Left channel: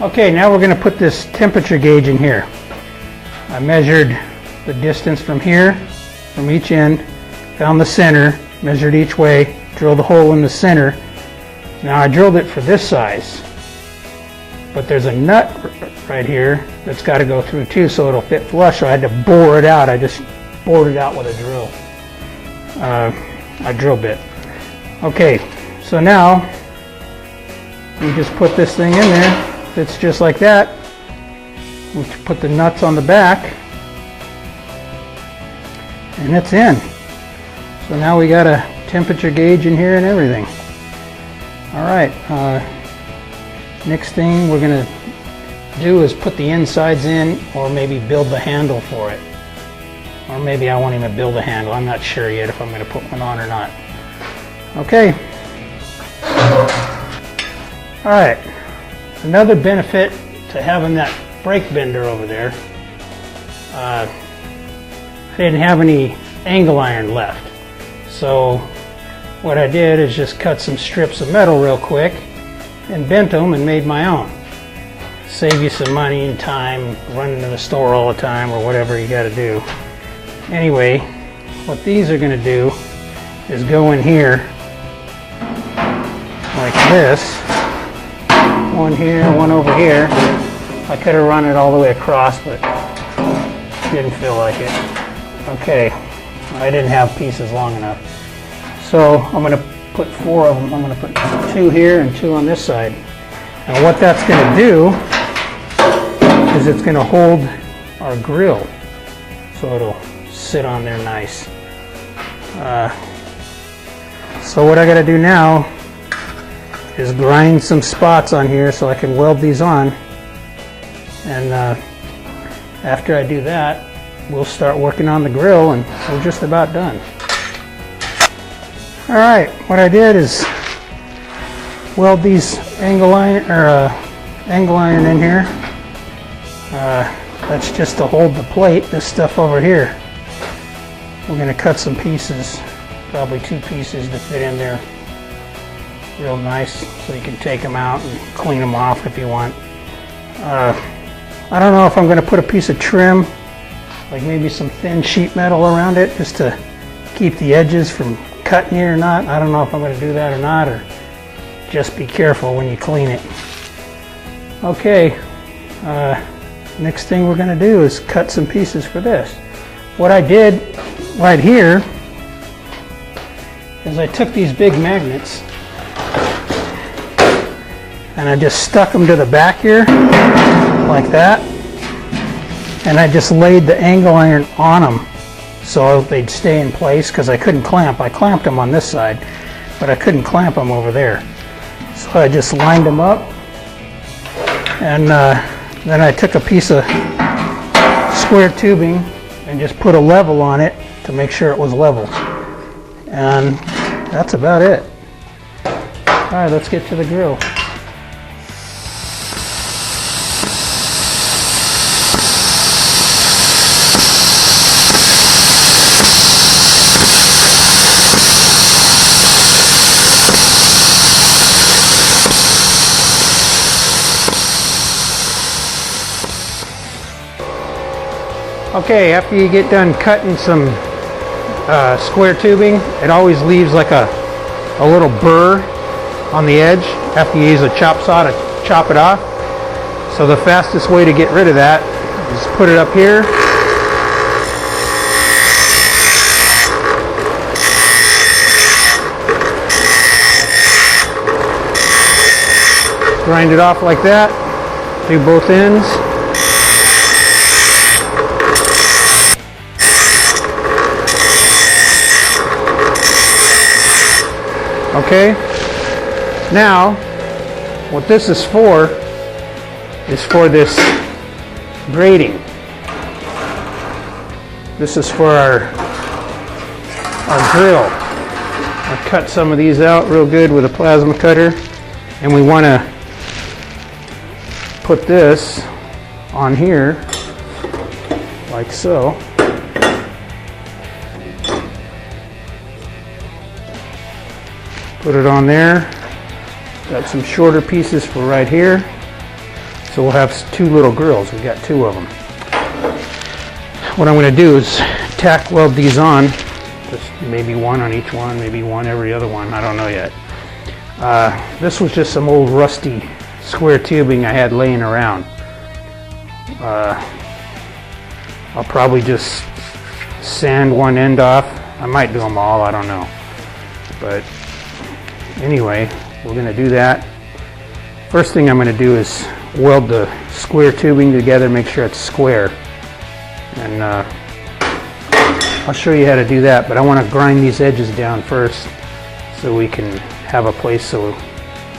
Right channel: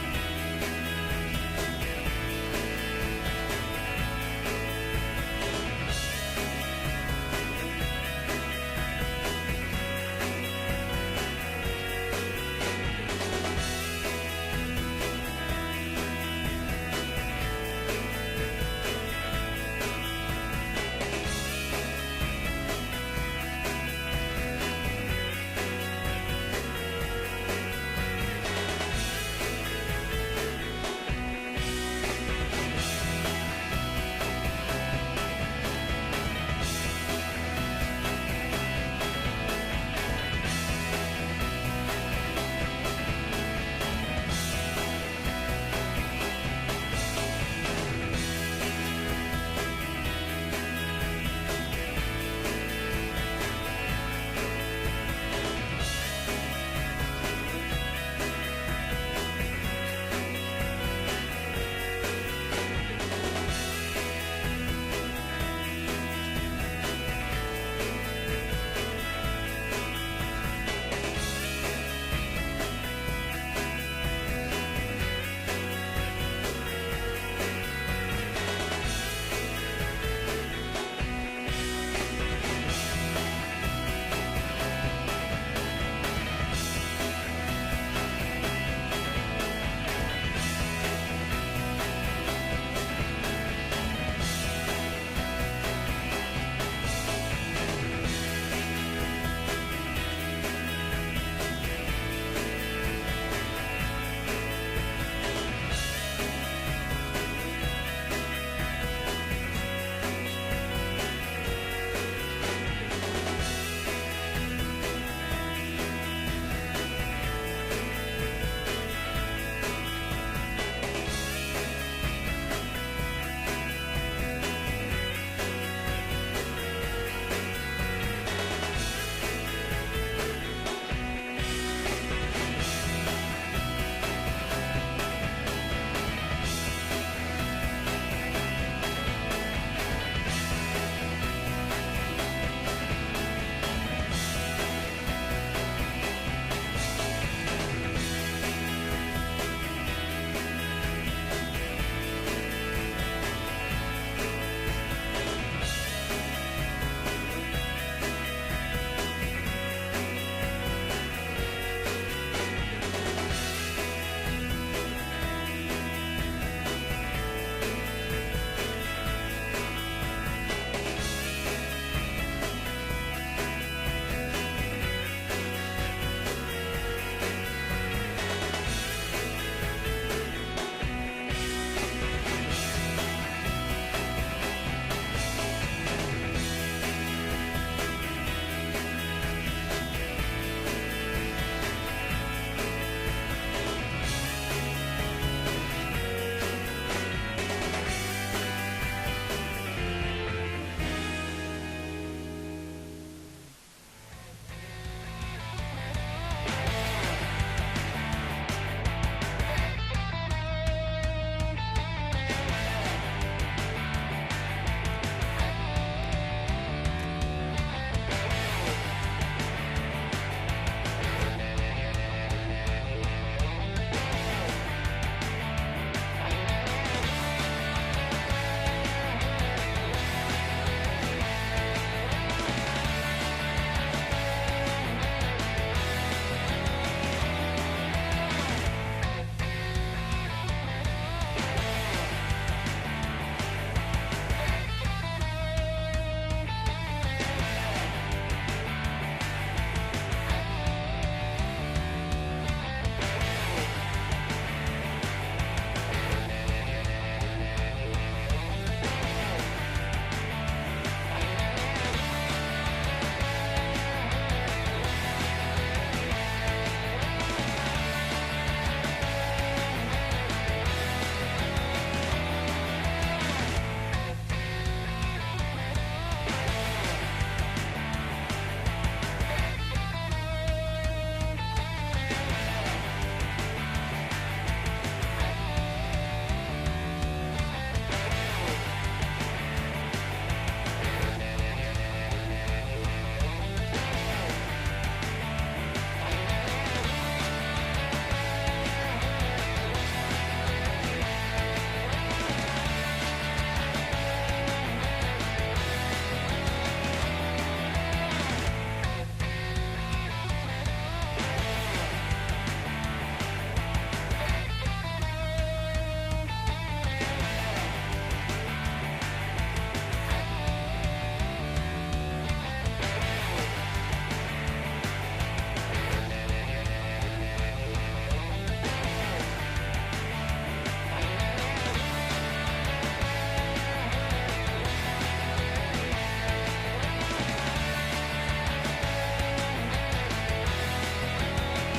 Okay, now we're going to put this temperature gauge in here. I measured the distance from here, from each end, found the center, measured each way, drilled a hole in the center. Now I drilled it for this size, but there's a nut right here that's got to go through too, so it'll fit flush. So I had to bore it out. I just bored it out with a drill bit. Okay, so now we just put this thing in there. Fits just like that. We put the nuts on the back, and it's in. So now we got a temperature gauge in here and everything. All right, next thing we're gonna do is put the insides in, or maybe build the handle for it. Or maybe I won't even build a handle. I'm not sure yet if I'm gonna put one on or not. Okay. All right, another benefit to having that brake bender over there, they didn't have any angle iron left. So what I did is just cut some strips of metal real quick and bent them and made my own. Save you some money and time running to the store all the time or whatever you got to do. Anyway, what these are going to do is go in here like this. One here, one over here. I could have run it all the way across, but didn't feel like it. Okay, I didn't have pieces long enough. So I'm going to put 4 of them. I'm going to put 2 here and 2 on this side. And what that's going to do is it's going to hold our grill, so it'll sit on there nice. So what I got to do now is grind some spots on here so I can weld these on. And after I do that, we'll start working on the grill, and we're just about done. All right, what I did is weld these angle iron in here. That's just to hold the plate, this stuff over here. We're going to cut some pieces, probably 2 pieces to fit in there real nice, so you can take them out and clean them off if you want. I don't know if I'm going to put a piece of trim, like maybe some thin sheet metal around it, just to keep the edges from cutting you or not. I don't know if I'm going to do that or not, or just be careful when you clean it. Okay, next thing we're going to do is cut some pieces for this. What I did right here is I took these big magnets and I just stuck them to the back here like that, and I just laid the angle iron on them so they'd stay in place, because I couldn't clamp. I clamped them on this side, but I couldn't clamp them over there. So I just lined them up, and then I took a piece of square tubing and just put a level on it to make sure it was level. And that's about it. All right, let's get to the grill. Okay, after you get done cutting some square tubing, it always leaves like a little burr on the edge after you use a chop saw to chop it off. So the fastest way to get rid of that is put it up here. Grind it off like that, do both ends. Okay, now what this is for this grating. This is for our grill. I cut some of these out real good with a plasma cutter, and we want to put this on here like so. Put it on there. Got some shorter pieces for right here. So we'll have 2 little grills. We've got 2 of them. What I'm going to do is tack weld these on. Just maybe 1 on each one, maybe 1 every other one. I don't know yet. This was just some old rusty square tubing I had laying around. I'll probably just sand one end off. I might do them all, I don't know. But anyway, we're going to do that. First thing I'm going to do is weld the square tubing together, make sure it's square. And I'll show you how to do that, but I want to grind these edges down first so we can have a place so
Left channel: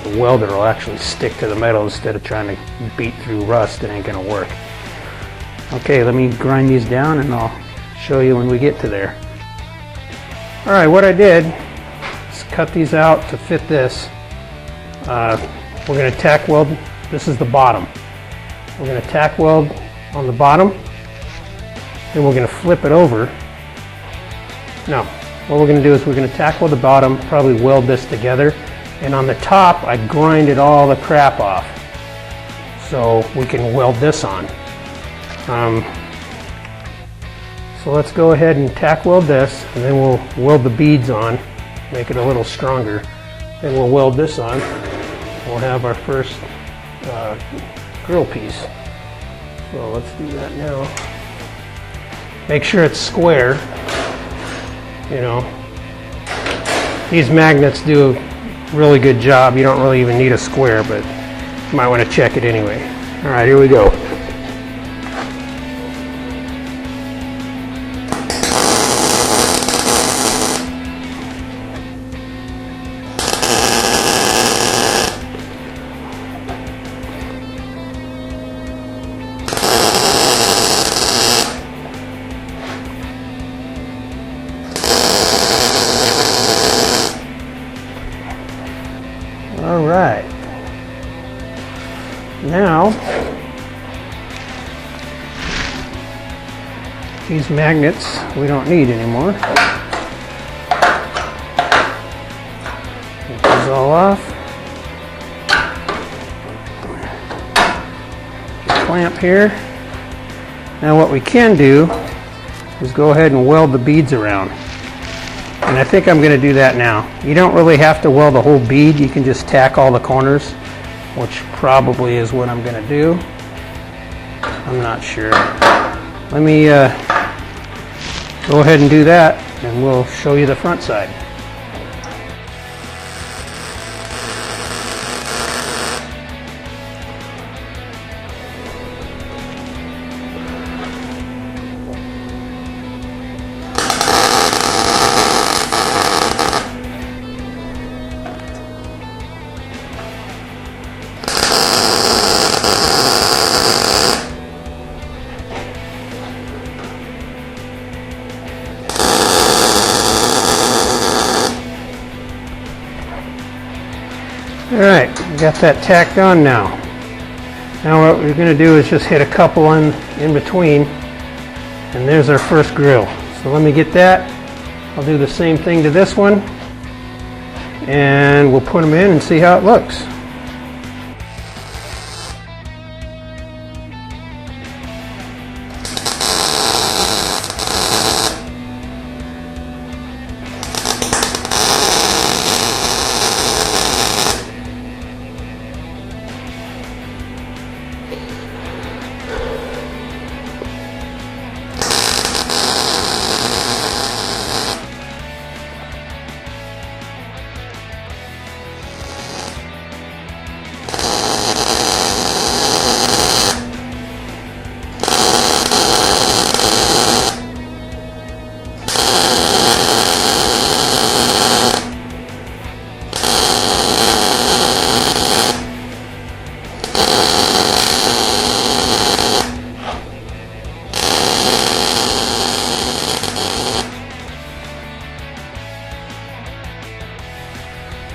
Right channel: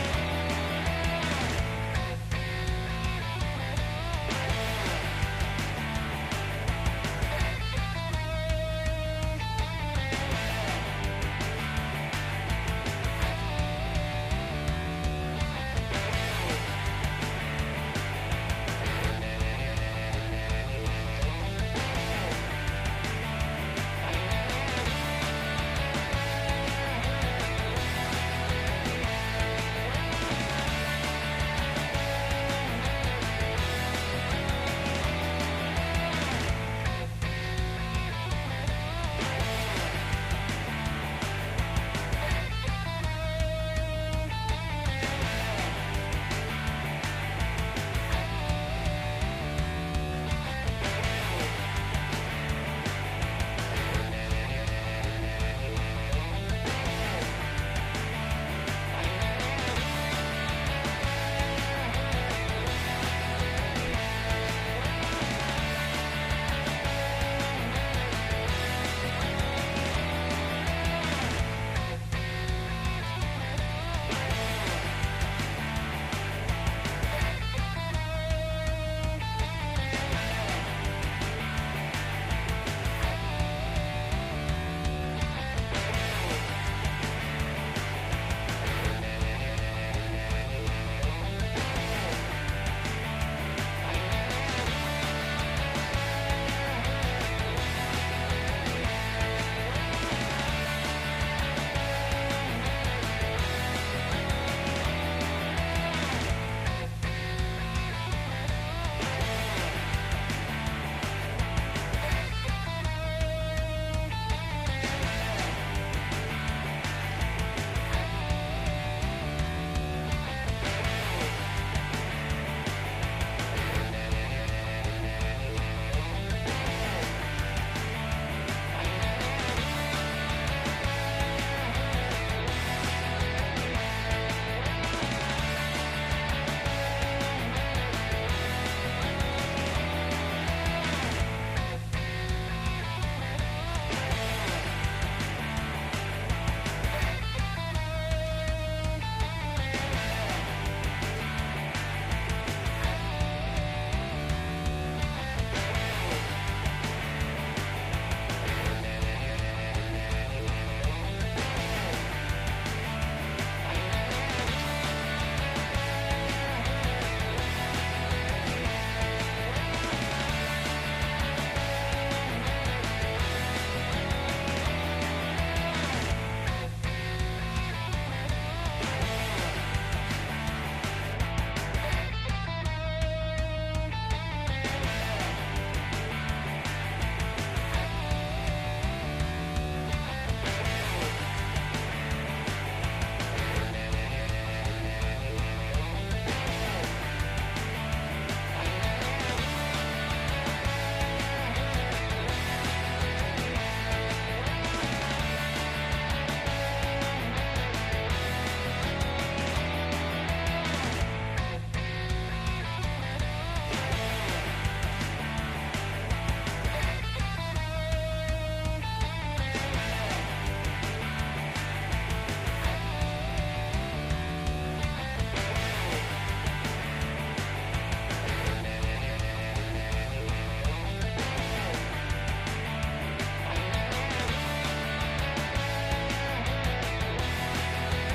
the welder will actually stick to the metal instead of trying to beat through rust. It ain't going to work. Okay, let me grind these down and I'll show you when we get to there. Alright, what I did is cut these out to fit this. We're going to tack weld. This is the bottom. We're going to tack weld on the bottom. Then we're going to flip it over. No, what we're going to do is we're going to tack weld the bottom, probably weld this together. And on the top, I grinded all the crap off so we can weld this on. So let's go ahead and tack weld this, and then we'll weld the beads on, make it a little stronger. Then we'll weld this on. We'll have our first grill piece. So let's do that now. Make sure it's square. You know, these magnets do a really good job. You don't really even need a square, but you might want to check it anyway. All right, here we go. All right. Now, these magnets we don't need anymore. Take these all off. Clamp here. Now what we can do is go ahead and weld the beads around. And I think I'm going to do that now. You don't really have to weld the whole bead. You can just tack all the corners, which probably is what I'm going to do. I'm not sure. Let me go ahead and do that, and we'll show you the front side. Alright, got that tacked on now. Now what we're going to do is just hit a couple in between, and there's our first grill. So let me get that. I'll do the same thing to this one, and we'll put them in and see how it looks.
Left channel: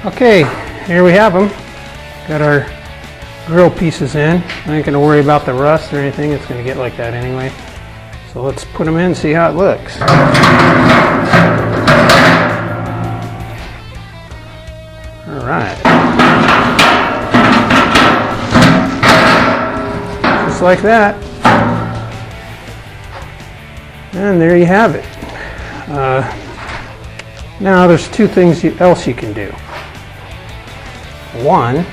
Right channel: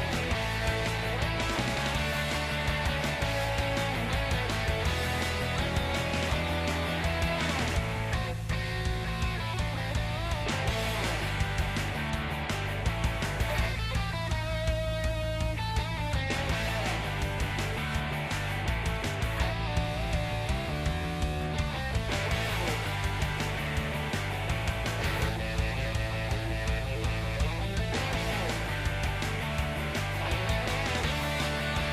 Okay, here we have them. Got our grill pieces in. I ain't going to worry about the rust or anything. It's going to get like that anyway. So let's put them in and see how it looks. All right. like that. And there you have it. Now there's two things else you can do. One,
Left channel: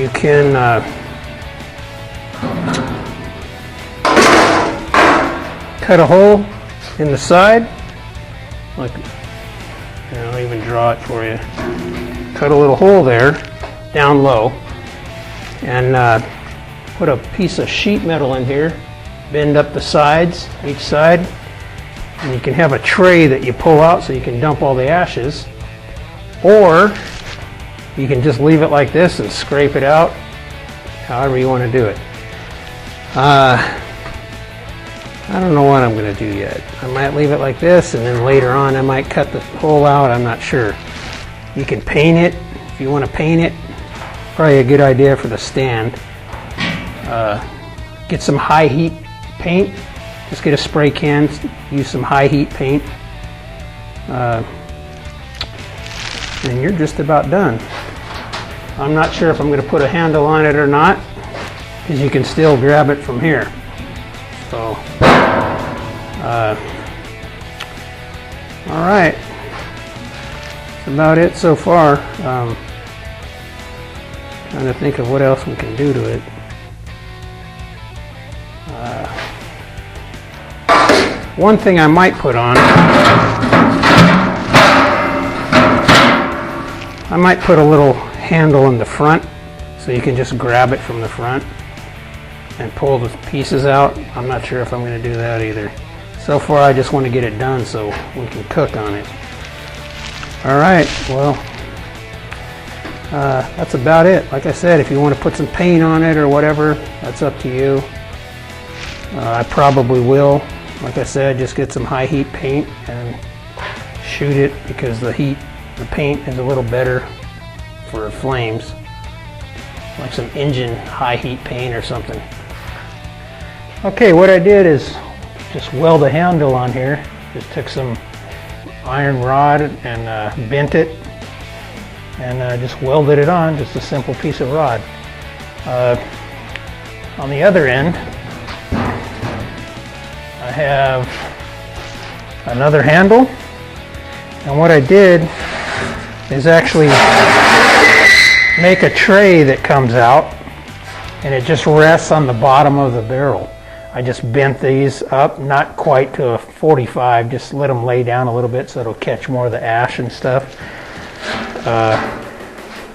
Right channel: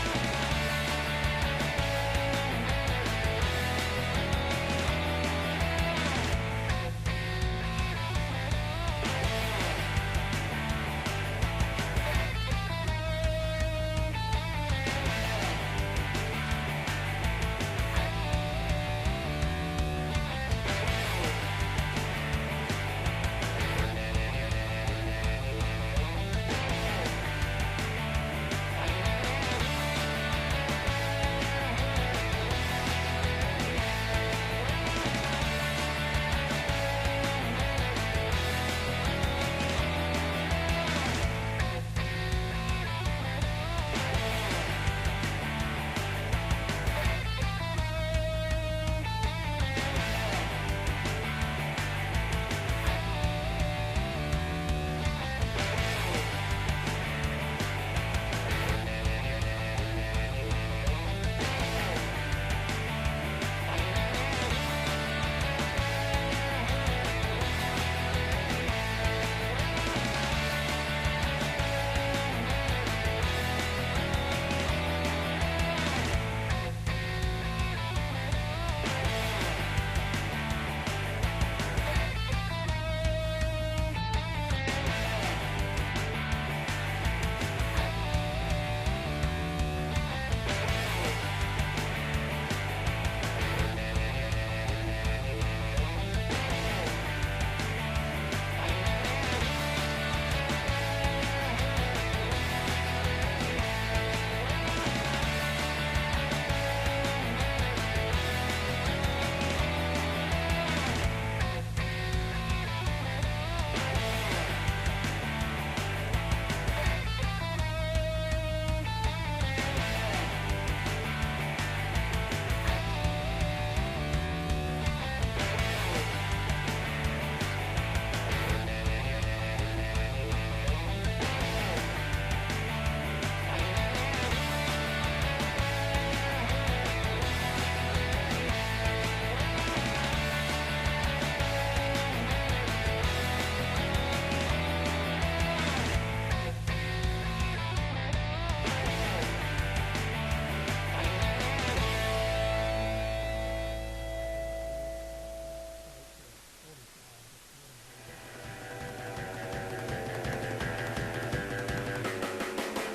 you can cut a hole in the side, like, I'll even draw it for you. Cut a little hole there, down low, and put a piece of sheet metal in here, bend up the sides, each side, and you can have a tray that you pull out so you can dump all the ashes, or you can just leave it like this and scrape it out, however you want to do it. I don't know what I'm going to do yet. I might leave it like this, and then later on I might cut the hole out. I'm not sure. You can paint it if you want to paint it. Probably a good idea for the stand. Get some high heat paint. Just get a spray can, use some high heat paint, and you're just about done. I'm not sure if I'm going to put a handle on it or not, because you can still grab it from here. So, all right, that's about it so far. Trying to think of what else we can do to it. One thing I might put on, I might put a little handle in the front so you can just grab it from the front and pull the pieces out. I'm not sure if I'm going to do that either. So far I just want to get it done so we can cook on it. Alright, well, that's about it. Like I said, if you want to put some paint on it or whatever, that's up to you. I probably will. Like I said, just get some high heat paint and shoot it, because the paint is a little better for flames. Like some engine high heat paint or something. Okay, what I did is just weld a handle on here. Just took some iron rod and bent it and just welded it on, just a simple piece of rod. On the other end, I have another handle, and what I did is actually make a tray that comes out, and it just rests on the bottom of the barrel. I just bent these up, not quite to a 45, just let them lay down a little bit so it'll catch more of the ash and stuff.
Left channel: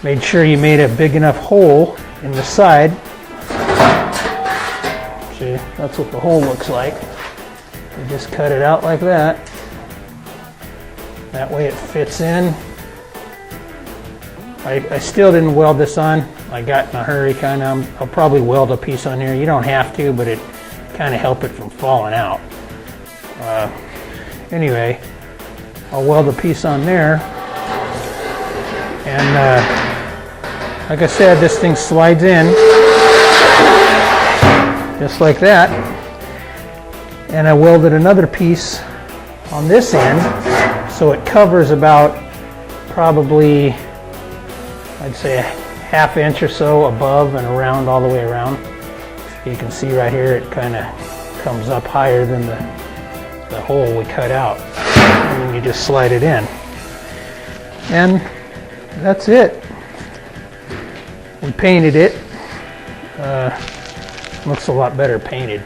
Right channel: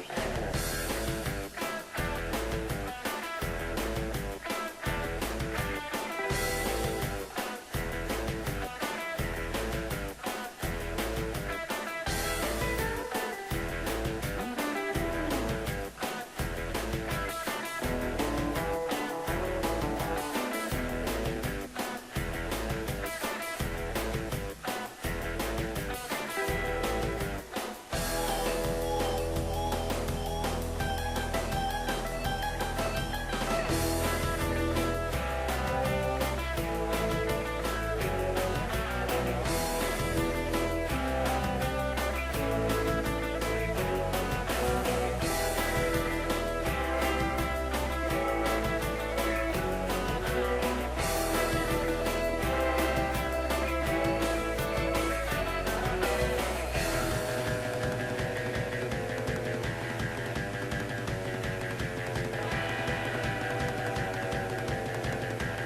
Made sure you made a big enough hole in the side. See, that's what the hole looks like. You just cut it out like that. That way it fits in. I still didn't weld this on. I got in a hurry kind of. I'll probably weld a piece on here. You don't have to, but it kind of help it from falling out. Anyway, I'll weld a piece on there. And like I said, this thing slides in just like that. And I welded another piece on this end, so it covers about probably, I'd say, a ½ inch or so above and around, all the way around. You can see right here it kind of comes up higher than the hole we cut out, and then you just slide it in. And that's it. We painted it. Looks a lot better painted.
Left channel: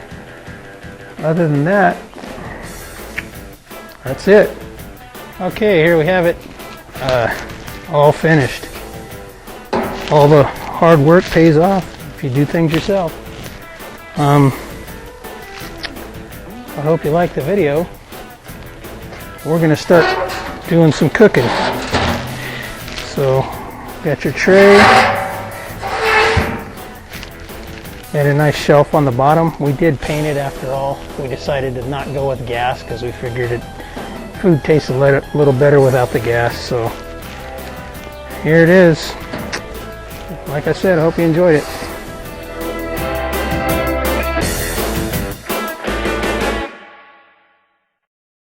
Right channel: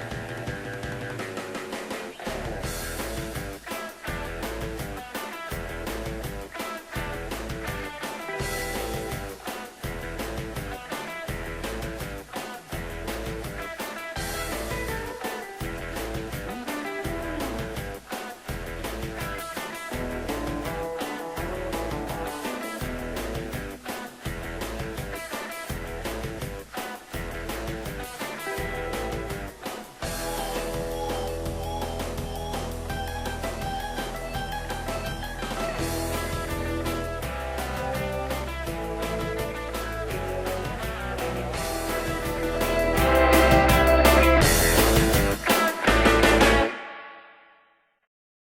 Other than that, that's it. Okay, here we have it. All finished. All the hard work pays off if you do things yourself. I hope you liked the video. We're going to start doing some cooking. So, got your tray. And a nice shelf on the bottom. We did paint it after all. We decided to not go with gas because we figured food tastes a little better without the gas. So here it is. Like I said, I hope you enjoyed it.